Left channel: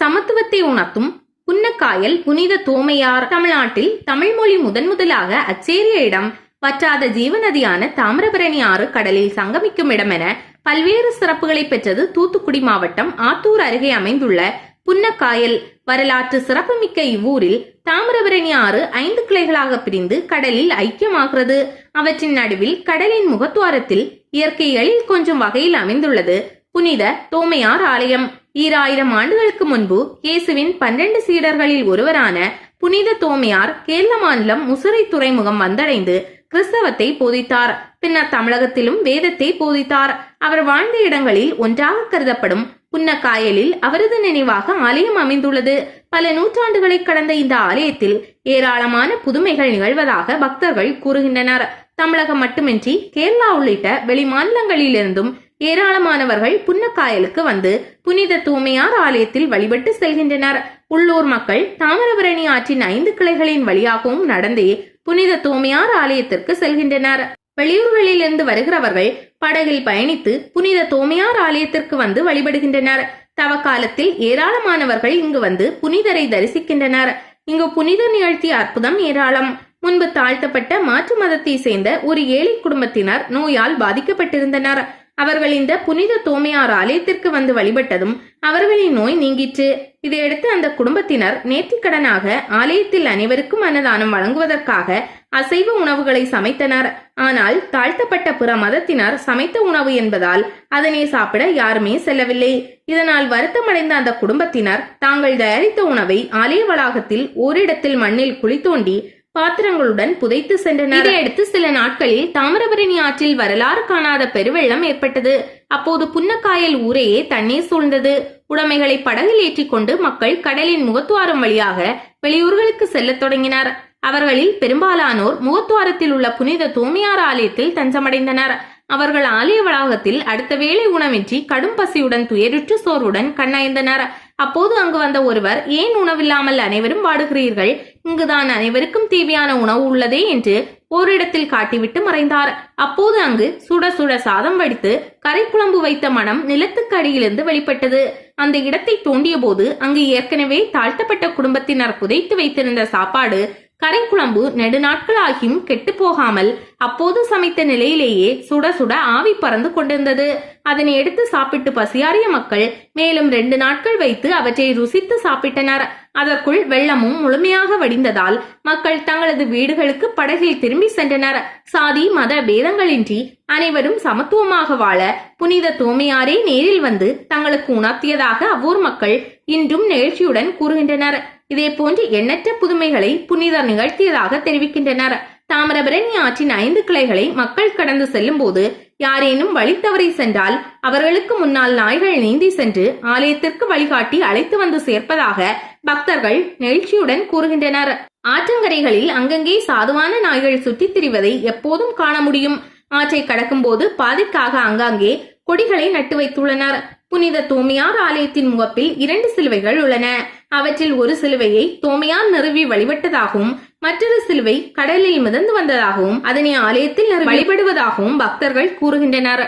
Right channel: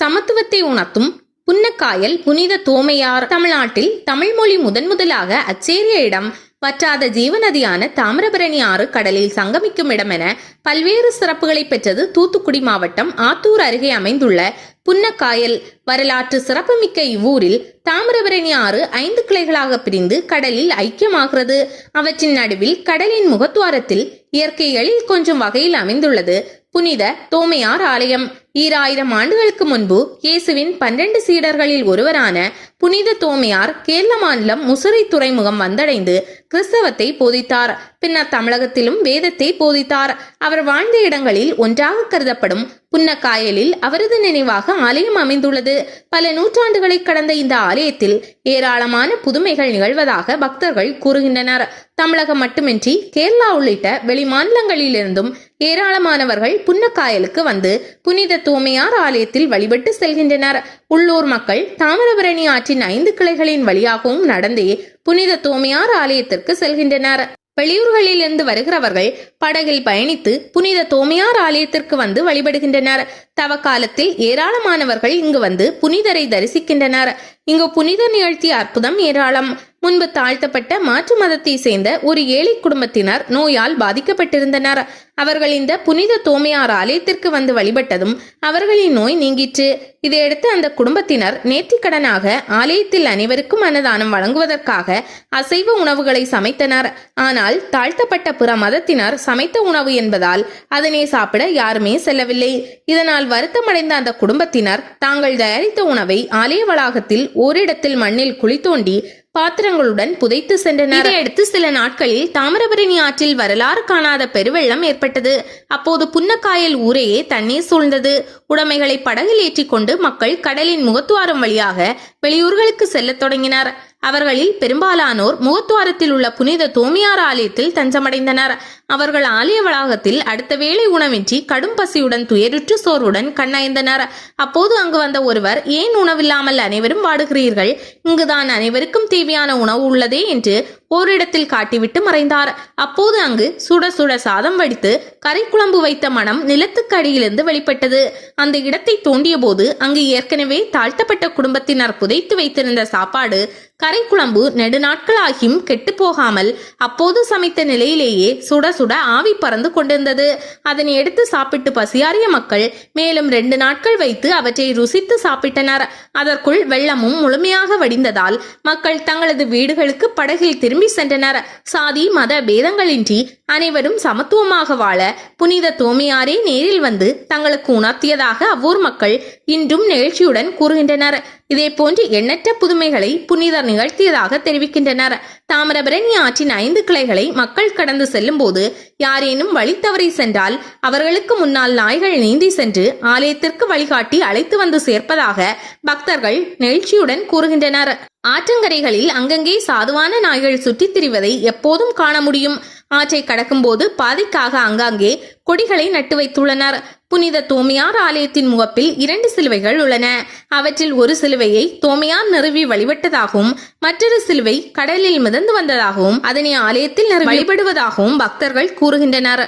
சமத்துவத்தை உணர்த்தும் புன்னக்காயல் புனித தோமையார் தமிழ்நாட்டில் தமிழ்மொழி முதன் முதலாக அச்சேரிய இடம் வற்றாத ஜீவநதியான தாமிரபரணி ஆறு கடலில் சங்கமிக்கும் இடம் என பல்வேறு சிறப்புகளை பெற்றது தூத்துக்குடி மாவட்டம் ஆத்தூர் அருகே அமைந்துள்ள புன்னக்காயல் வரலாற்று சிறப்புமிக்க இவ்வூரில் தாமிரபரணி ஆறு ஐந்து கிளைகளாக பிரிந்து கடலில் ஐக்கியமாகிறது. அவற்றின் நடுவில் கடலின் முகத்துவாரத்தில் இயற்கை எழில் கொஞ்சம் வகையில் அமைந்துள்ளது. புனித தோமையார் ஆலயம். ஈராயிரம் ஆண்டுகளுக்கு முன்பு இயேசுவின் பன்னெண்டு சீடர்களில் ஒருவரான புனித தோமையார் கேரள மாநிலம் முசுரை துறைமுகம் வந்தடைந்து கிறிஸ்தவத்தை போதித்தார். பின்னர் தமிழகத்திலும் வேதத்தை போதித்தார். அவர் வாழ்ந்த இடங்களில் ஒன்றாக கருதப்படும் புன்னக்காயலில் அவரது நினைவாக ஆலயம் அமைந்துள்ளது. பல நூற்றாண்டுகளை கடந்த இந்த ஆலயத்தில் ஏராளமான புதுமைகள் நிகழ்வதாக பக்தர்கள் கூறுகின்றனர். தமிழகம் மட்டுமின்றி கேரளா உள்ளிட்ட வெளிமாநிலங்களிலிருந்தும் ஏராளமானவர்கள் புன்னக்காயலுக்கு வந்து புனித தூமையார் ஆலயத்தில் வழிபட்டு செல்கின்றனர். உள்ளூர் மக்கள் தாமிரபரணி ஆற்றின் ஐந்து கிளைகளின் வழியாகவும் நடந்தே புனித தூமையார் ஆலயத்திற்கு செல்கின்றனர். வெளியூர்களிலிருந்து வருகிறவர்கள் படகில் பயணித்து புனித தோமையார் ஆலயத்திற்கு வந்து வழிபடுகின்றனர். தவக்காலத்தில் ஏராளமானவர்கள் இங்கு வந்து புனிதரை தரிசிக்கின்றனர். இங்கு புனித நிகழ்த்திய அற்புதம் ஏராளம். முன்பு தாழ்த்தப்பட்ட மாற்று மதத்தை சேர்ந்த ஒரு ஏழை குடும்பத்தினர் நோயால் பாதிக்கப்பட்டிருந்தனர். அவர்கள் இந்த புனித தோமையார் ஆலயத்திற்கு வந்து வழிபட்டதும் அவர்களின் நோய் நீங்கிற்று. இதையடுத்து அந்த குடும்பத்தினர் நேர்த்திக்கடனாக ஆலயத்தில் அனைவருக்கும் அன்னதானம் வழங்குவதற்காக அசைவ உணவுகளை சமைத்தனர். ஆனால் தாழ்த்தப்பட்ட பிற மதத்தினர் சமைத்த உணவு என்பதால் அதனை சாப்பிட யாருமே செல்லவில்லை. இதனால் வருத்தமடைந்த அந்த குடும்பத்தினர் தாங்கள் தயாரித்த உணவை ஆலய வளாகத்தில் ஓரிடத்தில் மண்ணில் குழி தோண்டி பாத்திரங்களுடன் புதைத்து சென்றனர். இதையடுத்து சில நாட்களில் தாமிரபரணி ஆற்றில் வரலாறு காணாத பெருவெள்ளம் ஏற்பட்டது. அப்போது புன்னக்காயல் ஊரையே தண்ணீர் சூழ்ந்தது. உடைமைகளை படகில் ஏற்றிக்கொண்டு மக்கள் கடலின் முகத்துவாரம் வழியாக வெளியூர்களுக்கு செல்லத் தொடங்கினர். அவர்களில் பெரும்பாலானோர் முகத்துவாரத்தில் உள்ள புனித தோமியார் ஆலயத்தில் தஞ்சமடைந்தனர். அவர்கள் ஆலய வளாகத்தில் அடுத்த வேளை உணவின்றி கடும் பசியுடன் துயருற்று சோர்வுடன் கண்ணயந்தனர். அப்போது அங்கு வந்த ஒருவர் ஏன் உணவில்லாமல் அனைவரும் வாடுகிறீர்கள்? இங்குதான் அனைவருக்கும் தேவையான உணவு உள்ளதே என்று ஓரிடத்தில் காட்டிவிட்டு மறைந்தார். அப்போது அங்கு சுட சுட சாதம் வடித்து கரைக்குழம்பு வைத்த மனம் நிலத்துக்கு அடியிலிருந்து வெளிப்பட்டது. அந்த இடத்தை தோண்டிய போது அங்கு ஏற்கனவே தாழ்த்தப்பட்ட குடும்பத்தினர் புதைத்து வைத்திருந்த சாப்பாடு கரைக்குழம்பு நெடுநாட்கள் ஆகியும் கெட்டு போகாமல் அப்போது சமைத்த நிலையிலேயே சுட சுட ஆவி பறந்து கொண்டிருந்தது. அதனை எடுத்து சாப்பிட்டு பசியாறிய மக்கள் மேலும் ரெண்டு நாட்கள் வைத்து அவற்றை ருசித்து சாப்பிட்டனர். அதற்குள் வெள்ளமும் முழுமையாக வடிந்ததால் மக்கள் தங்களது வீடுகளுக்கு படகில் திரும்பி சென்றனர். சாதி மத பேதங்களின்றி அனைவரும் சமத்துவமாக வாழ புனித தோமையாரே நேரில் வந்து தங்களுக்கு உணர்த்தியதாக அவ்வூர் மக்கள் இன்றும் நிகழ்ச்சியுடன் கூறுகின்றனர். இதே போன்று எண்ணற்ற புதுமைகளை புனிதர் நிகழ்த்தியதாக தெரிவிக்கின்றனர். தாமிரபரணி ஆற்றின் ஐந்து கிளைகளை மக்கள் கடந்து செல்லும் போது யாரேனும் வழி தவறி சென்றால் அவர்களுக்கு முன்னால் நாய்கள் நீந்தி சென்று ஆலயத்திற்கு வழிகாட்டி அழைத்து வந்து சேர்ப்பதாக பக்தர்கள் நெகிழ்ச்சியுடன் கூறுகின்றனர். ஆற்றங்கரைகளில் அங்கங்கே சாதுவான நாய்கள் சுற்றித் திரிவதை எப்போதும் காண முடியும். ஆற்றை கடக்கும்போது பாதைக்காக அங்காங்கே கொடிகளை நட்டு வைத்துள்ளனர். புனித தோமையார் ஆலயத்தின் முகப்பில் இரண்டு சிலுவைகள் உள்ளன. அவற்றில் ஒரு சிலுவையை தோமையார் நிறுவி வழிபட்டதாகவும் மற்றொரு சிலுவை கடலில் மிதந்து வந்ததாகவும் அதனை ஆலயத்தில் வழிபடுவதாகவும் பக்தர்கள் கூறுகின்றனர்.